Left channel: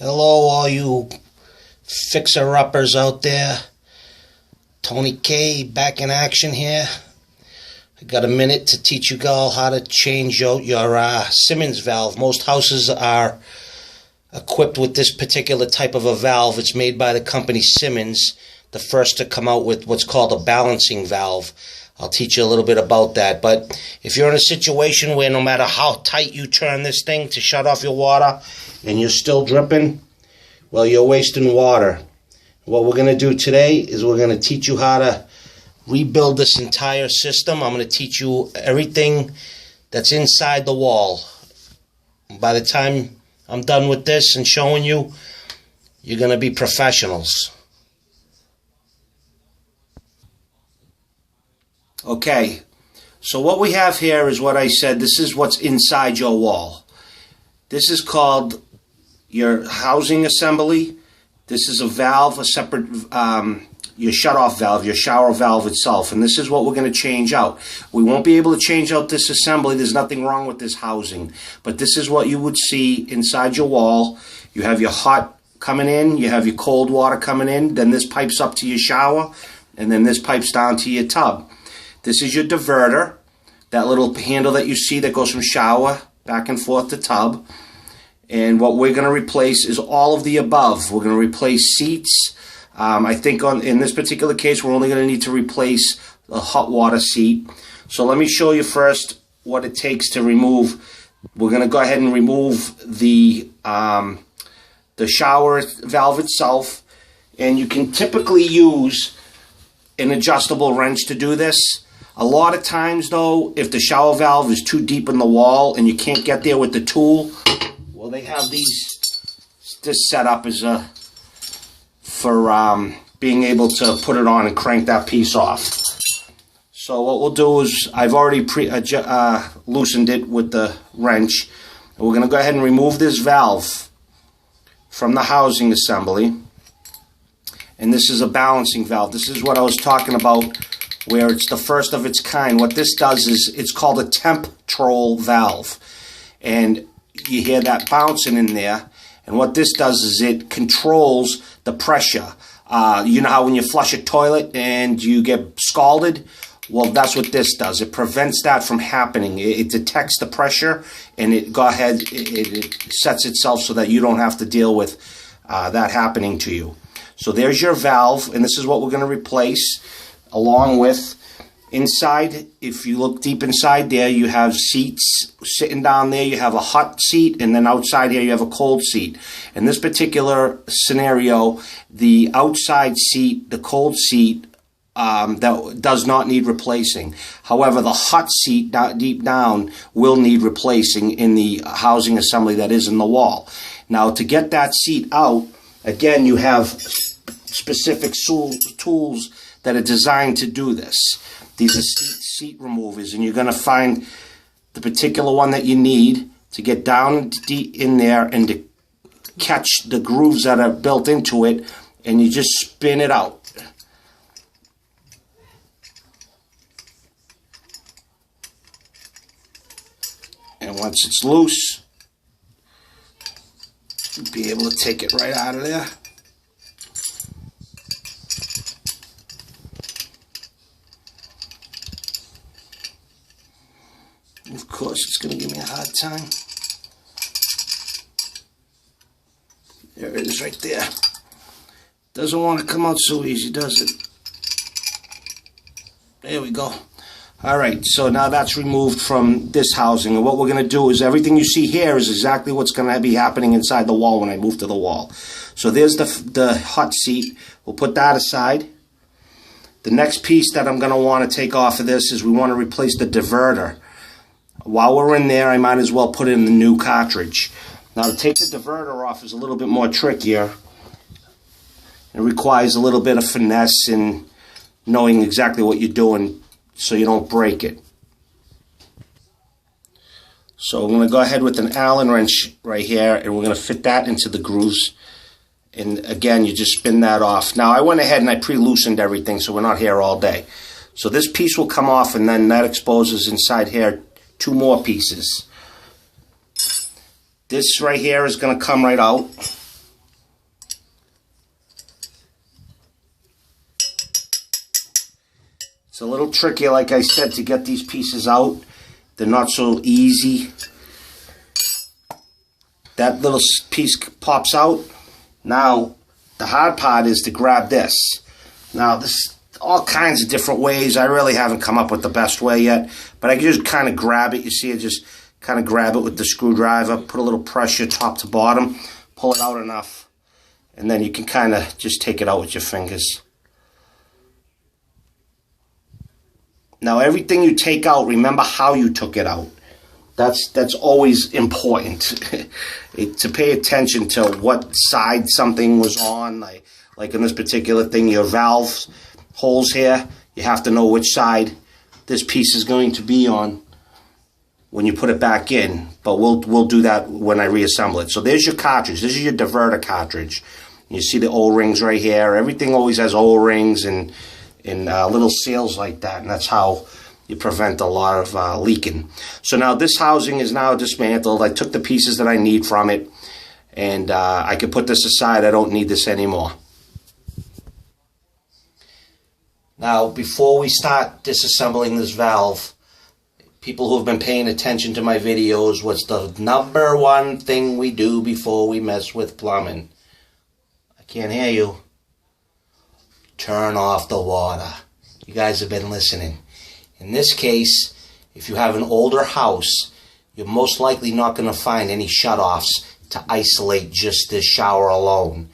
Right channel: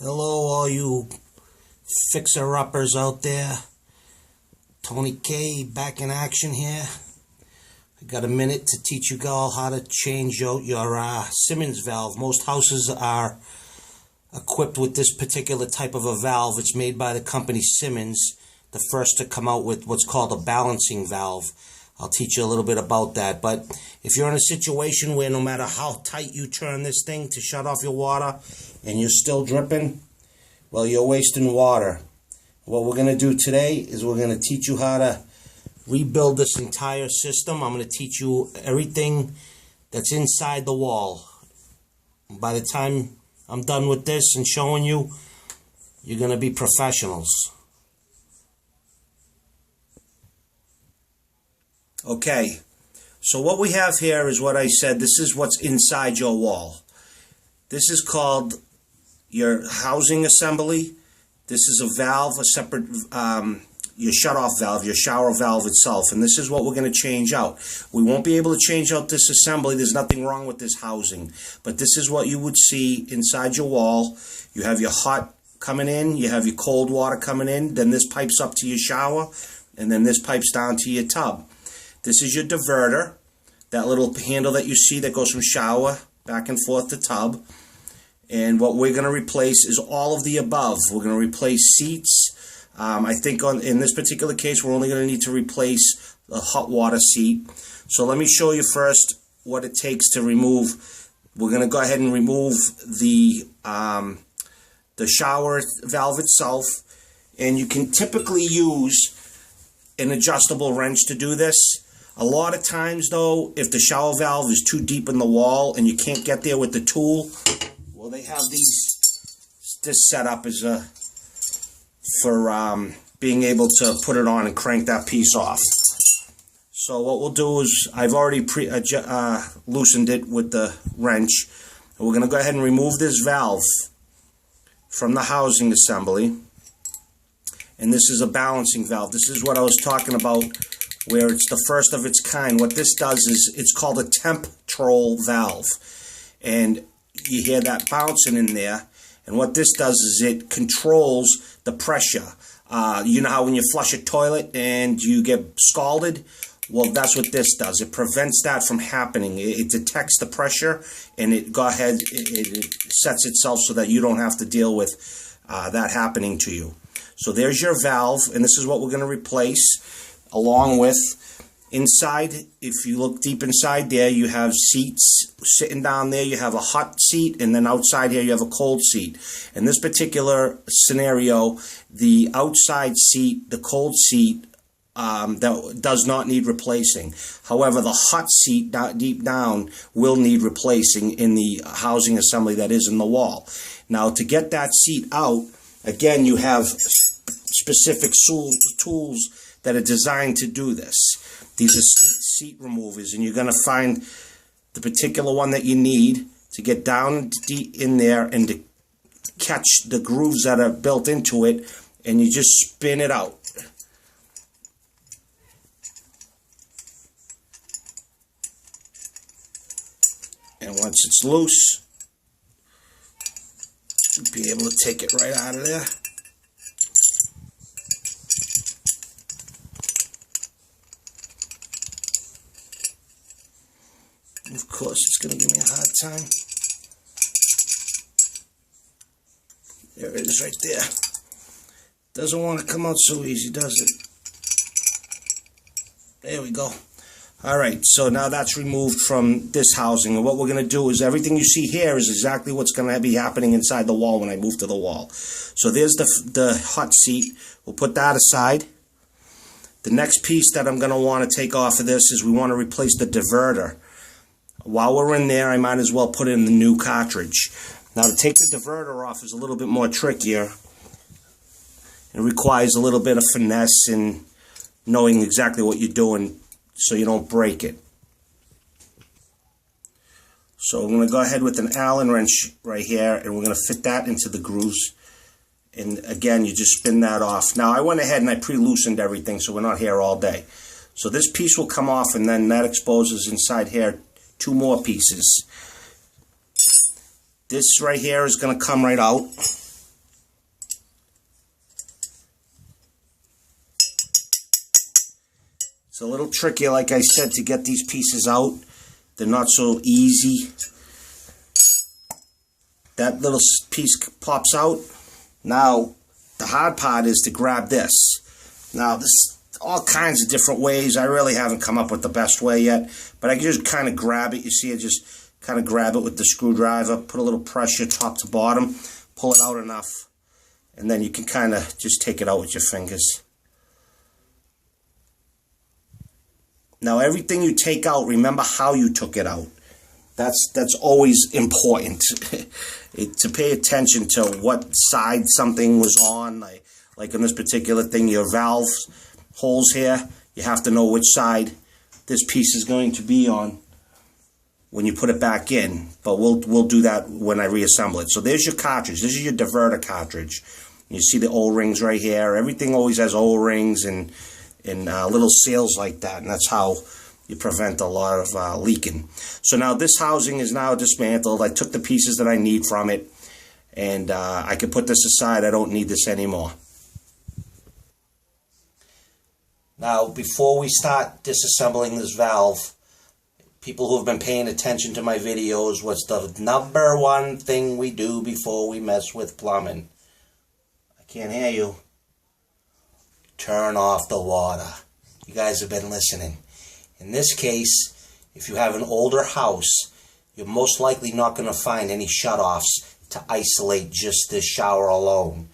Hello, all you fixer-uppers out there. Tony K back in action here. I got a minute to teach you all how to change out your Symons valve. Most houses are equipped with this particular type of a valve. It's made by the company Symons, the first to come out with what's called a balancing valve. I'll teach you a little bit about that. But if you're in a situation where no matter how tight you turn this thing to shut off your water and you're still dripping, well, you're wasting water. What we're going to do today is we're going to teach you how to rebuild this entire system. I'm going to teach you everything that's inside the wall. By the time I'm done with this and showing you, you're going to be professionals. Okay, so what we have here is what I said. This is what's inside your wall. This is called your housing assembly. This is a valve, a separate, your shut-off valve, your shower valve itself. And this is what we're going to change out. We won't be able to change out this assembly. There's nothing wrong with this housing. But this is what you would see inside your wall. You have your hot coming in. You have your cold water coming in. Then this pipes up to your shower. And then this pipes down to your tub. This is your diverter, that little handle that you see that goes from shower back and forth to tub. And what we're going to replace is all of the above. We're going to replace seats. I think in this particular case, we're only going to need to replace the hot water seat. So let me show you first what it takes to remove. We're going to go ahead and remove the shower valve itself. And you can typically use an adjustable wrench to do this. A lot of times, though, if the shower valve is too deep in the wall and you can't get there with the tool, well, they have this set up as for being able to put it on and crank that piece off. So what we'll do is I've already loosened it with the wrench. And we're going to go ahead and remove this valve from the housing assembly. And this is a balancing valve. This is what I was talking about, where it's the first of its kind. What this does is it's called a temp-trol valve. And you hear that bouncing in there. And what this does is it controls the pressure. You know how when you flush a toilet and you get scalded? Well, that's what this does. It prevents that from happening. It detects the pressure and it sets itself so that you don't have to deal with that happening to you. So there's your valve, and this is what we're going to replace, along with inside. If you look deep inside there, you have seats sitting down there. You have a hot seat, and then outside here you have a cold seat. In this particular scenario, the outside seat, the cold seat, that does not need replacing. However, the hot seat deep down will need replacing in the housing assembly that is in the wall. Now, to get that seat out, again, you have specific tools that are designed to do this. These are seat removers, and you're going to find the particular one that you need to get down deep in there and to catch the grooves that are built into it, and you just spin it out. And once it's loose, you'll be able to take it right out of there. Of course, it's going to give me a hard time. There it is right there. Doesn't want to come out so easy, does it? There we go. All right, so now that's removed from this housing. And what we're going to do is everything you see here is exactly what's going to be happening inside the wall when I move to the wall. So there's the hot seat. We'll put that aside. The next piece that I'm going to want to take off of this is we want to replace the diverter. While we're in there, I might as well put in the new cartridge. Now, to take the diverter off is a little bit more trickier. It requires a little bit of finesse and knowing exactly what you're doing so you don't break it. So I'm going to go ahead with an Allen wrench right here, and we're going to fit that into the grooves. And again, you just spin that off. Now, I went ahead and I pre-loosened everything, so we're not here all day. So this piece will come off, and then that exposes inside here 2 more pieces. This right here is going to come right out. a little trickier, like I said, to get these pieces out. They're not so easy. That little piece pops out. Now, the hard part is to grab this. Now, there's all kinds of different ways. I really haven't come up with the best way yet, but I can just kind of grab it. You see, I just kind of grab it with the screwdriver, put a little pressure top to bottom, pull it out enough, and then you can kind of just take it out with your fingers. Now, everything you take out, remember how you took it out. That's always important to pay attention to what side something was on. Like in this particular thing, your valve holes here, you have to know which side this piece is going to be on when you put it back in. But we'll do that when I reassemble it. So there's your cartridge. This is your diverter cartridge. You see the O-rings right here. Everything always has O-rings and little seals like that, and that's how you prevent a lot of leaking. So now this housing is now dismantled. I took the pieces that I need from it, and I can put this aside. I don't need this anymore. Now, before we start disassembling this valve, people who have been paying attention to my videos, what's the number one thing we do before we mess with plumbing? I can't hear you. Turn off the water. You guys have been listening. In this case, if you have an older house, you're most likely not going to find any shutoffs to isolate just this shower alone.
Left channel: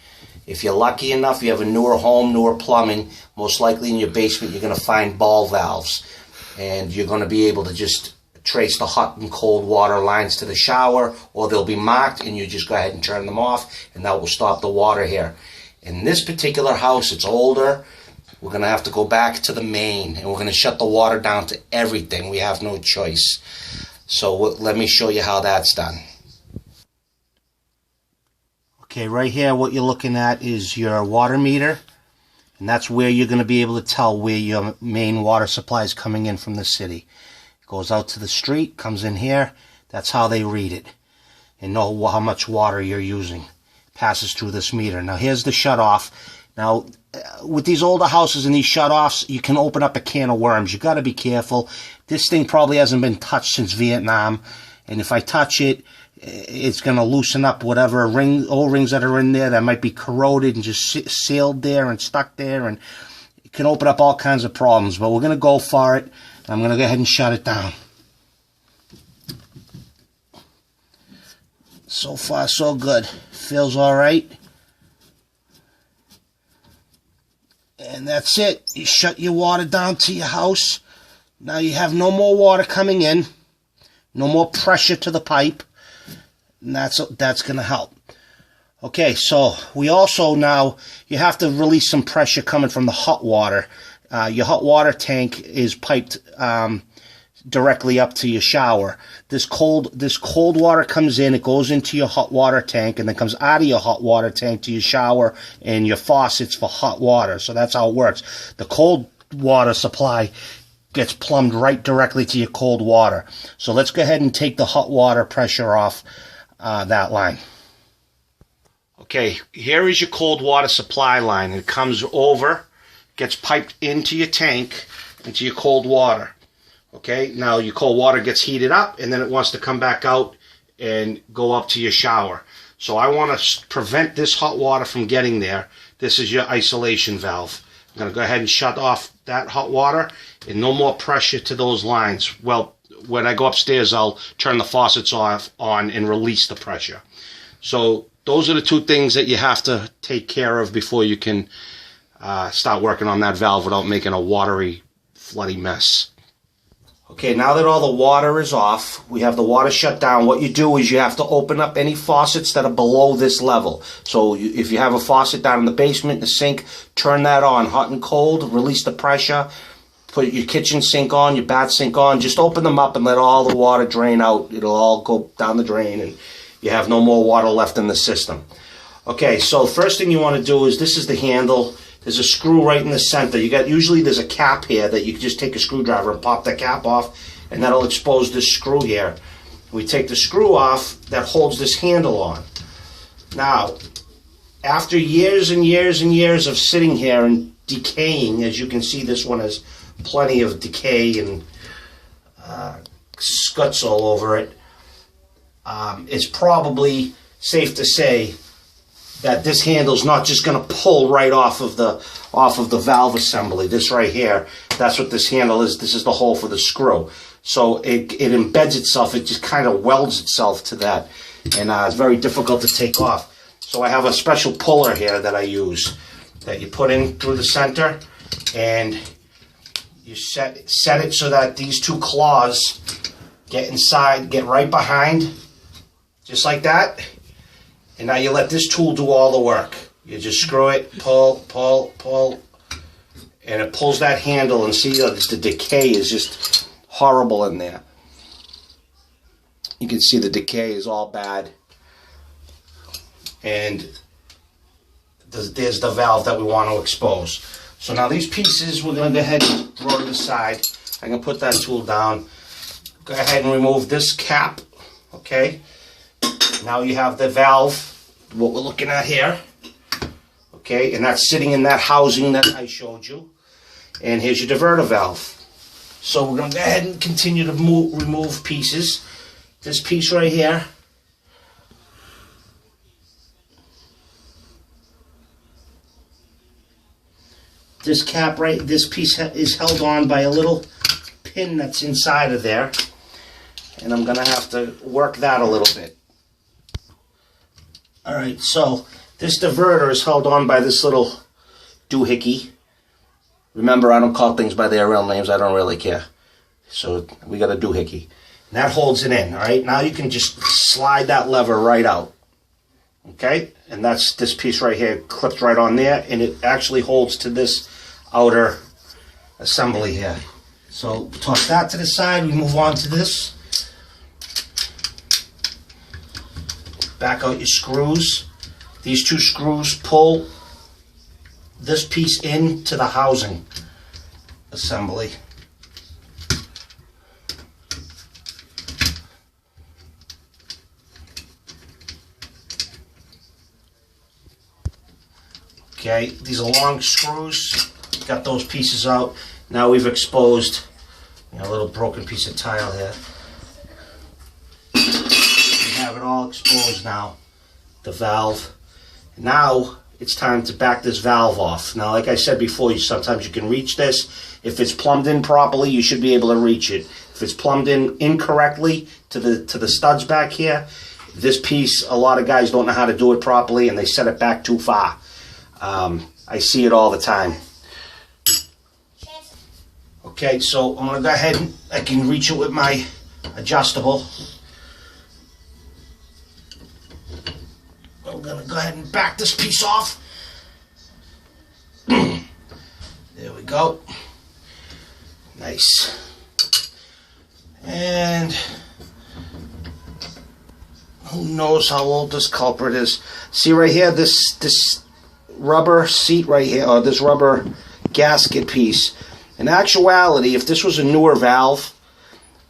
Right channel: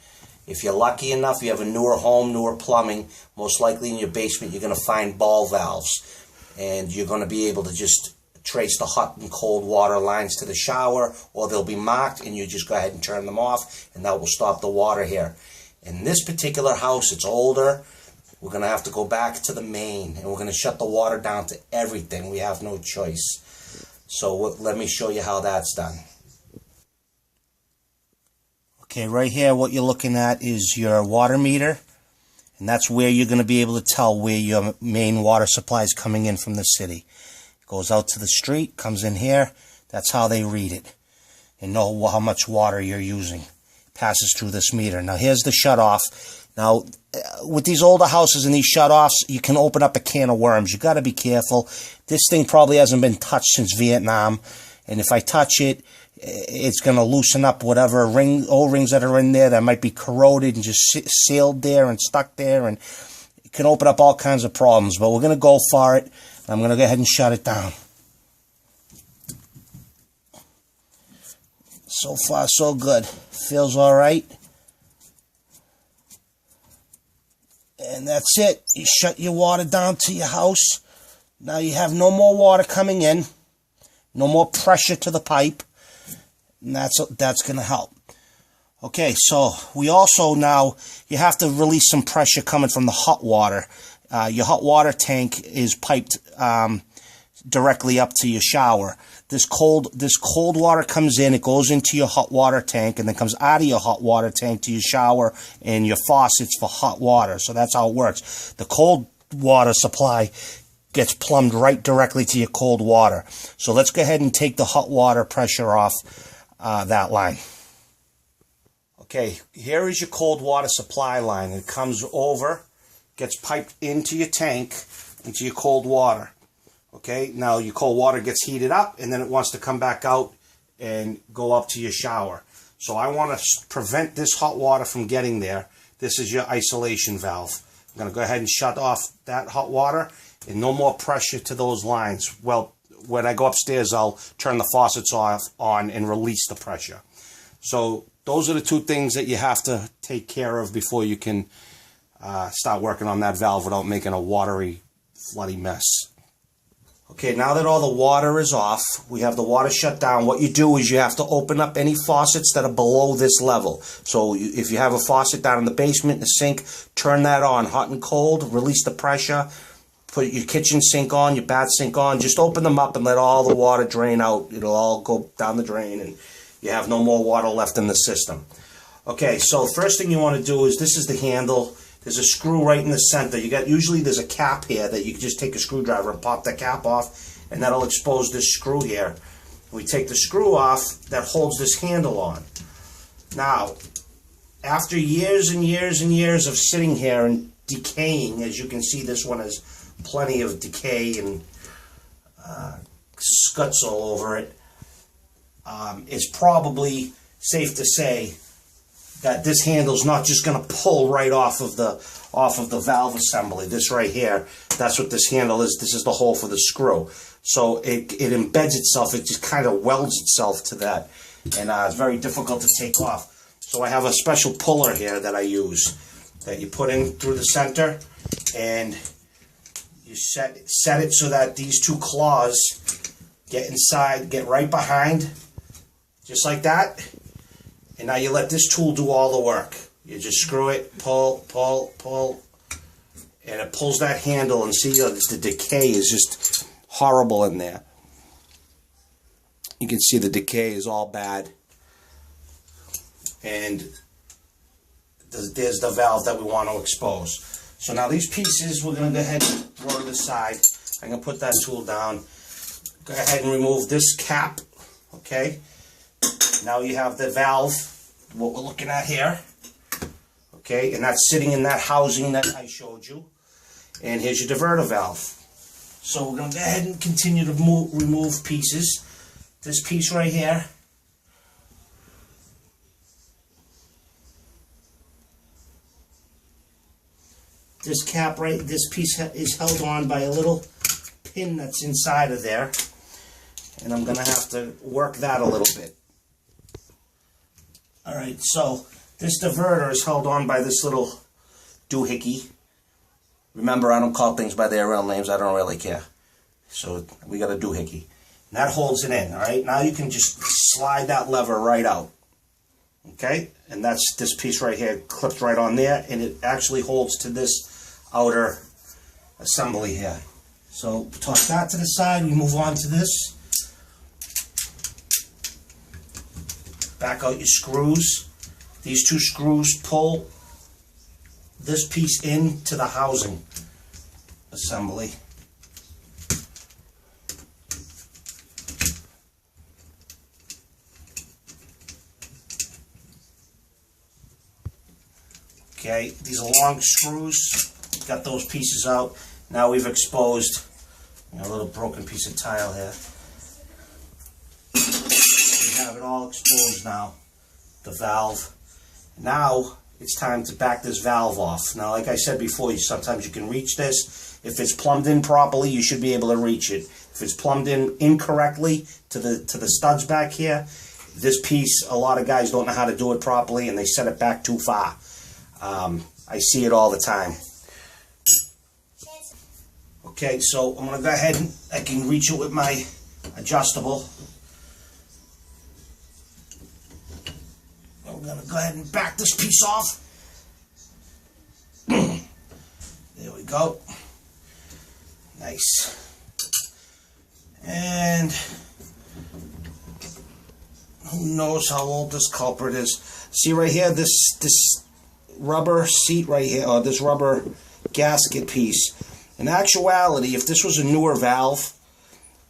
If you're lucky enough, you have a newer home, newer plumbing, most likely in your basement you're going to find ball valves. And you're going to be able to just trace the hot and cold water lines to the shower, or they'll be marked and you just go ahead and turn them off, and that will stop the water here. In this particular house, it's older. We're going to have to go back to the main, and we're going to shut the water down to everything. We have no choice. So let me show you how that's done. Okay, right here what you're looking at is your water meter, and that's where you're going to be able to tell where your main water supply is coming in from the city. It goes out to the street, comes in here. That's how they read it and know how much water you're using. Passes through this meter. Now here's the shutoff. Now with these older houses and these shutoffs, you can open up a can of worms. You got to be careful. This thing probably hasn't been touched since Vietnam, and if I touch it, it's going to loosen up whatever O-rings that are in there that might be corroded and just sealed there and stuck there, and it can open up all kinds of problems. But we're going to go for it. I'm going to go ahead and shut it down. So far, so good. Feels all right. And that's it. You shut your water down to your house. Now you have no more water coming in. No more pressure to the pipe. And that's going to help. Okay, so we also now, you have to release some pressure coming from the hot water. Your hot water tank is piped directly up to your shower. This cold water comes in, it goes into your hot water tank, and then comes out of your hot water tank to your shower and your faucets for hot water. So that's how it works. The cold water supply gets plumbed right directly to your cold water. So let's go ahead and take the hot water pressure off that line. Okay, here is your cold water supply line. It comes over, gets piped into your tank, into your cold water. Okay, now your cold water gets heated up, and then it wants to come back out and go up to your shower. So I want to prevent this hot water from getting there. This is your isolation valve. I'm going to go ahead and shut off that hot water, and no more pressure to those lines. Well, when I go upstairs, I'll turn the faucets on and release the pressure. So those are the two things that you have to take care of before you can start working on that valve without making a watery, floody mess. Okay, now that all the water is off, we have the water shut down. What you do is you have to open up any faucets that are below this level. So if you have a faucet down in the basement, the sink, turn that on, hot and cold, release the pressure, put your kitchen sink on, your bath sink on, just open them up and let all the water drain out. It'll all go down the drain and you have no more water left in the system. Okay, so the first thing you want to do is, this is the handle. There's a screw right in the center. Usually there's a cap here that you can just take a screwdriver and pop the cap off, and that'll expose this screw here. We take the screw off that holds this handle on. Now, after years and years and years of sitting here and decaying, as you can see, this one has plenty of decay and scuts all over it, it's probably safe to say that this handle's not just going to pull right off of the valve assembly. This right here, that's what this handle is. This is the hole for the screw. So it embeds itself. It just kind of welds itself to that, and it's very difficult to take off. So I have a special puller here that I use that you put in through the center, and you set it so that these two claws get inside, get right behind, just like that. And now you let this tool do all the work. You just screw it, pull, pull, pull, and it pulls that handle, and see the decay is just horrible in there. You can see the decay is all bad. And there's the valve that we want to expose. So now these pieces, we're going to go ahead and throw to the side. I'm going to put that tool down. Go ahead and remove this cap, okay? Now you have the valve, what we're looking at here, okay? And that's sitting in that housing that I showed you. And here's your diverter valve. So we're going to go ahead and continue to remove pieces. This piece right here, this cap this piece is held on by a little pin that's inside of there. And I'm going to have to work that a little bit. Alright, so this diverter is held on by this little doohickey. Remember, I don't call things by their real names. I don't really care. So we got a doohickey. And that holds it in. Alright, now you can just slide that lever right out. Okay, and that's this piece right here, clipped right on there, and it actually holds to this outer assembly here. So toss that to the side, we move on to this. Back out your screws. These two screws pull this piece into the housing assembly. Okay, these are long screws. Got those pieces out. Now we've exposed a little broken piece of tile here. We have it all exposed now, the valve. Now it's time to back this valve off. Now, like I said before, sometimes you can reach this. If it's plumbed in properly, you should be able to reach it. If it's plumbed in incorrectly to the studs back here, this piece, a lot of guys don't know how to do it properly, and they set it back too far. I see it all the time. Okay, so I'm going to go ahead and I can reach it with my adjustable. I'm going to go ahead and back this piece off. There we go. Nice. And who knows how old this culprit is. See right here, this rubber seat right here, or this rubber gasket piece. In actuality, if this was a newer valve,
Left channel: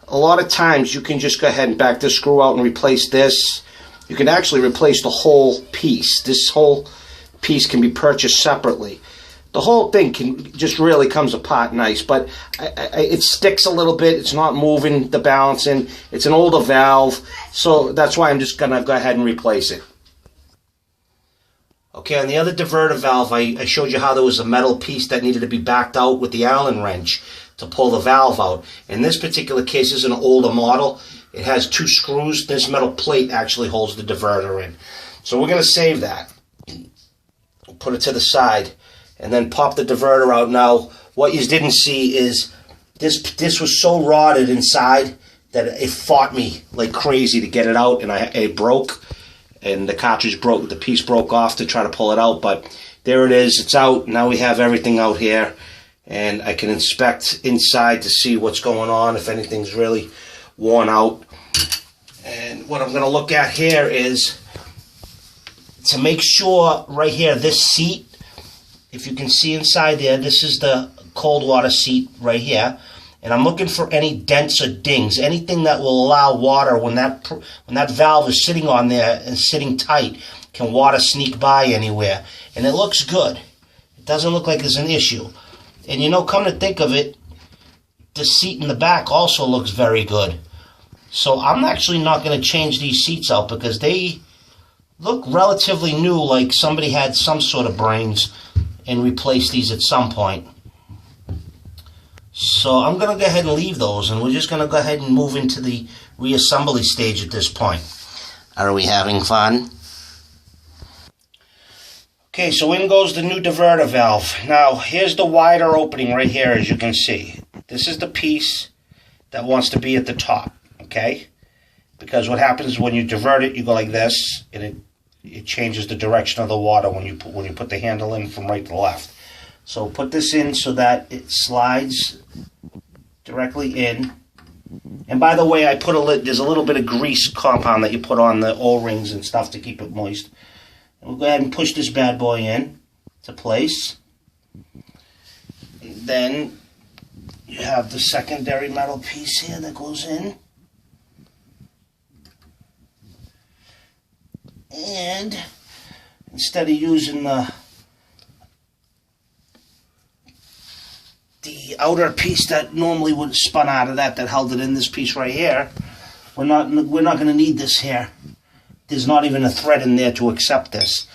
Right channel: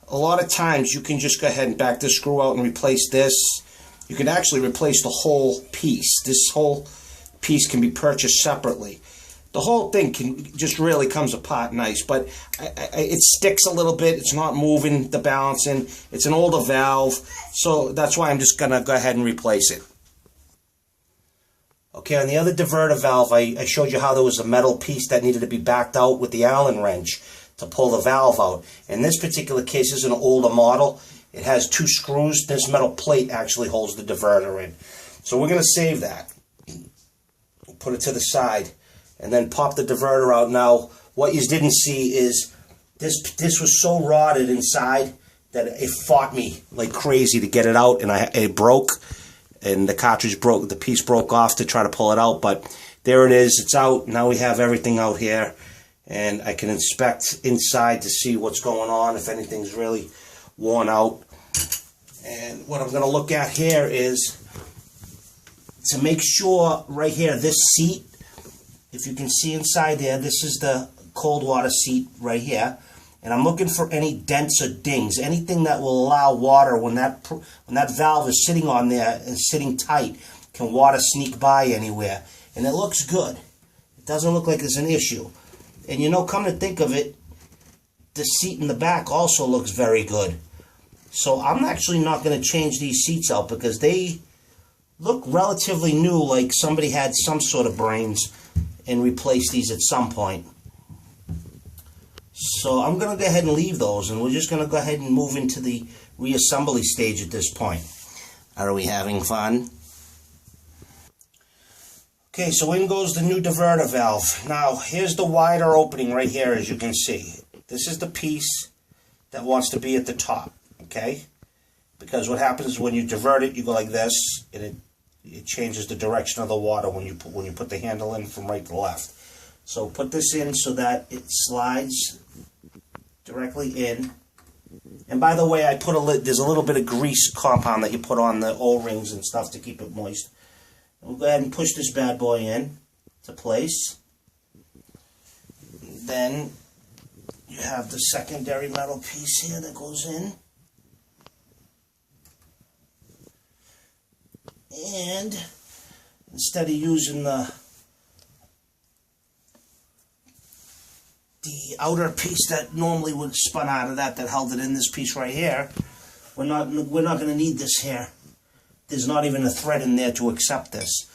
a lot of times you can just go ahead and back this screw out and replace this. You can actually replace the whole piece. This whole piece can be purchased separately. The whole thing just really comes apart nice, but it sticks a little bit. It's not moving the balancing. It's an older valve, so that's why I'm just going to go ahead and replace it. Okay, on the other diverter valve, I showed you how there was a metal piece that needed to be backed out with the Allen wrench to pull the valve out. In this particular case, this is an older model. It has two screws. This metal plate actually holds the diverter in. So we're going to save that. Put it to the side and then pop the diverter out. Now, what you didn't see is this was so rotted inside that it fought me like crazy to get it out, and it broke. And the cartridge broke, the piece broke off to try to pull it out, but there it is, it's out. Now we have everything out here, and I can inspect inside to see what's going on, if anything's really worn out. And what I'm going to look at here is to make sure right here, this seat, if you can see inside there, this is the cold water seat right here. And I'm looking for any dents or dings, anything that will allow water, when that valve is sitting on there and sitting tight, can water sneak by anywhere. And it looks good. It doesn't look like there's an issue. And come to think of it, the seat in the back also looks very good. So I'm actually not going to change these seats out because they look relatively new, like somebody had some sort of brains and replaced these at some point. So I'm going to go ahead and leave those, and we're just going to go ahead and move into the reassembly stage at this point. Are we having fun? Okay, so in goes the new diverter valve. Now, here's the wider opening right here, as you can see. This is the piece that wants to be at the top, okay? Because what happens when you divert it, you go like this, and it changes the direction of the water when you put the handle in from right to left. So put this in so that it slides directly in. And by the way, there's a little bit of grease compound that you put on the O-rings and stuff to keep it moist. We'll go ahead and push this bad boy in to place. Then you have the secondary metal piece here that goes in. And instead of using the outer piece that normally would have spun out of that held it in, this piece right here, we're not going to need this here. There's not even a thread in there to accept this.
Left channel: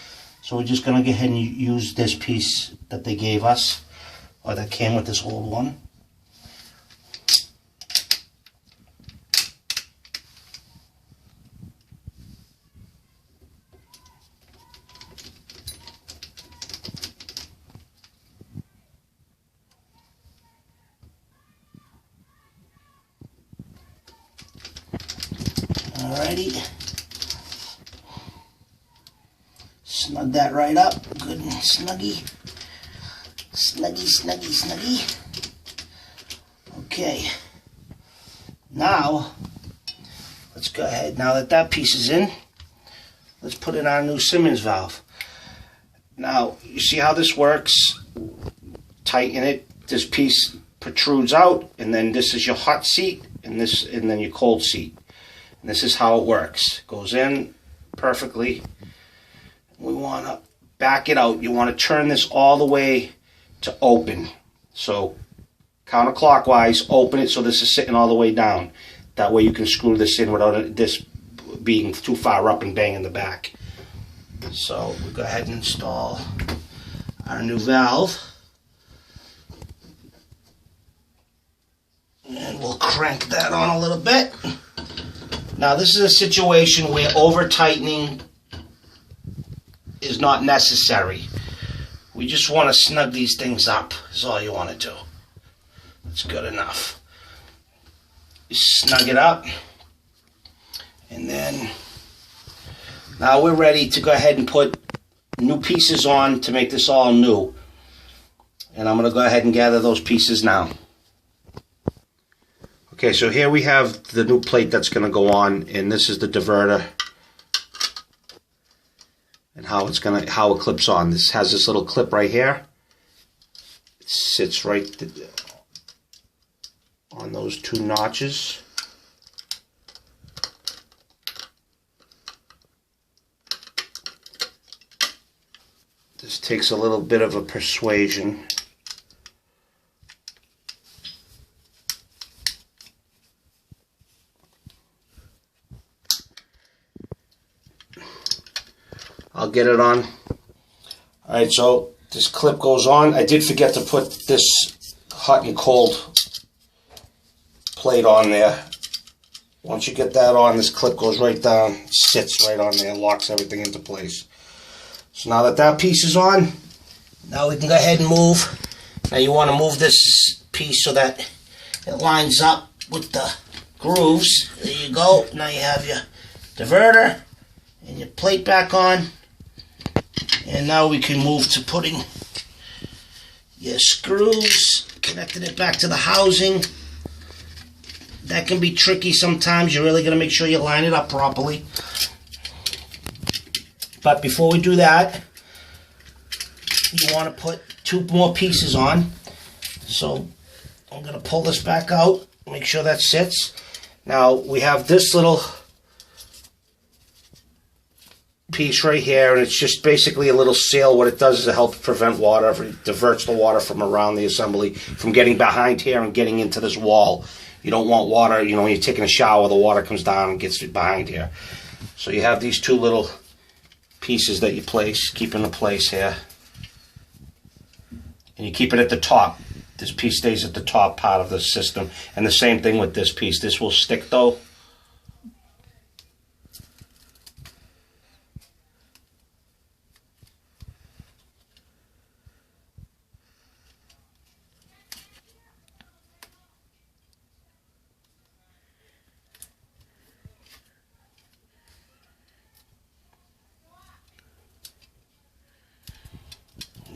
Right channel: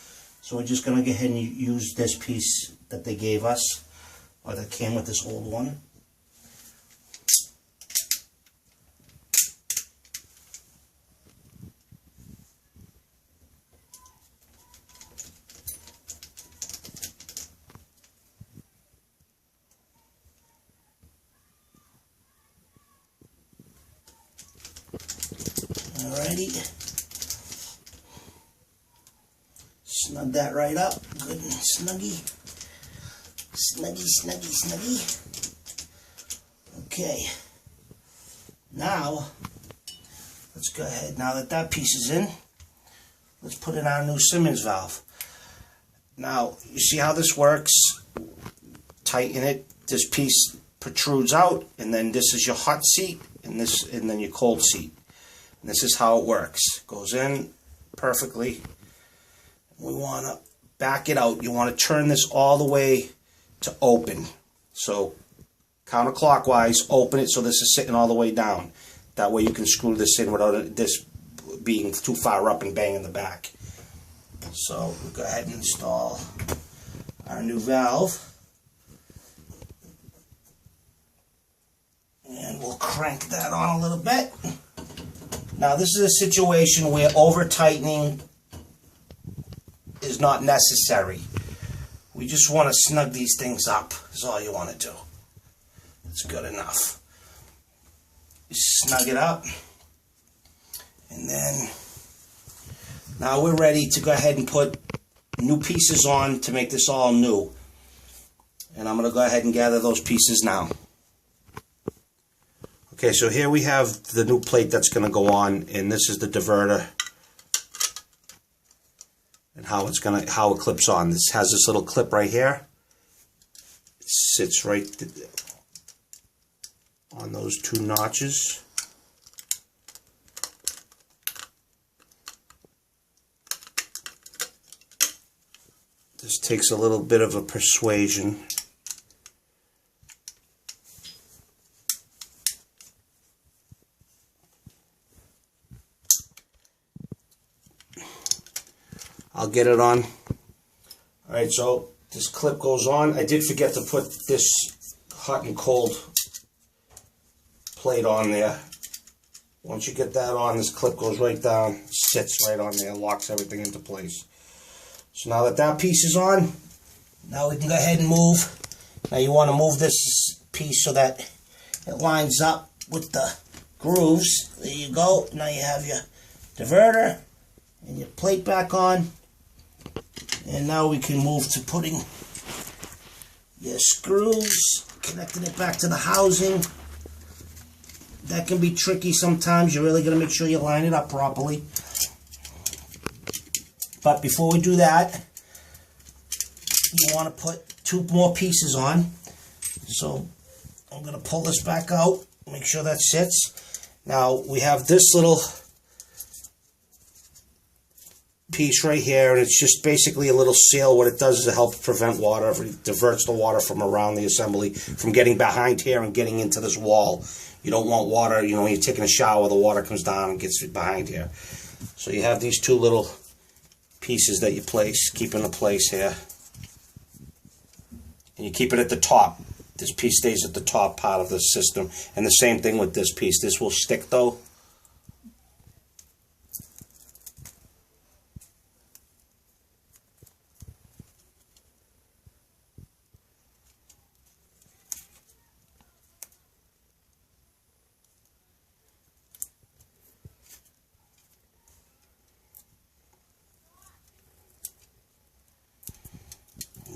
So we're just going to go ahead and use this piece that they gave us, or that came with this old one. Alrighty. Snug that right up, good and snuggy. Snuggy, snuggy, snuggy. Okay. Now, let's go ahead. Now that that piece is in, let's put in our new Symons valve. Now, you see how this works? Tighten it. This piece protrudes out, and then this is your hot seat, and then your cold seat. And this is how it works. Goes in perfectly. We want to back it out. You want to turn this all the way to open. So counterclockwise, open it so this is sitting all the way down. That way you can screw this in without this being too far up and banging the back. So we'll go ahead and install our new valve. And we'll crank that on a little bit. Now this is a situation where over-tightening is not necessary. We just want to snug these things up, is all you want to do. That's good enough. You snug it up, and then now we're ready to go ahead and put new pieces on to make this all new. And I'm going to go ahead and gather those pieces now. Okay, so here we have the new plate that's going to go on, and this is the diverter and how it clips on. This has this little clip right here. It sits right on those two notches. This takes a little bit of a persuasion. I'll get it on. Alright, so this clip goes on. I did forget to put this hot and cold plate on there. Once you get that on, this clip goes right down, sits right on there, locks everything into place. So now that that piece is on, now we can go ahead and move. Now you want to move this piece so that it lines up with the grooves. There you go. Now you have your diverter and your plate back on. And now we can move to putting your screws, connecting it back to the housing. That can be tricky sometimes. You're really going to make sure you line it up properly. But before we do that, you want to put two more pieces on. So I'm going to pull this back out, make sure that sits. Now we have this little piece right here, and it's just basically a little seal. What it does is it helps prevent water. It diverts the water from around the assembly from getting behind here and getting into this wall. You don't want water, you know, when you're taking a shower, the water comes down and gets behind here. So you have these two little pieces that you keep into place here. And you keep it at the top. This piece stays at the top part of the system. And the same thing with this piece. This will stick though.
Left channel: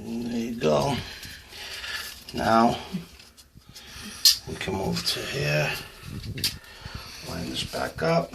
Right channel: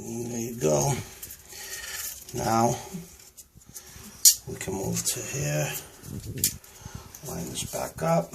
There you go. Now we can move to here, line this back up.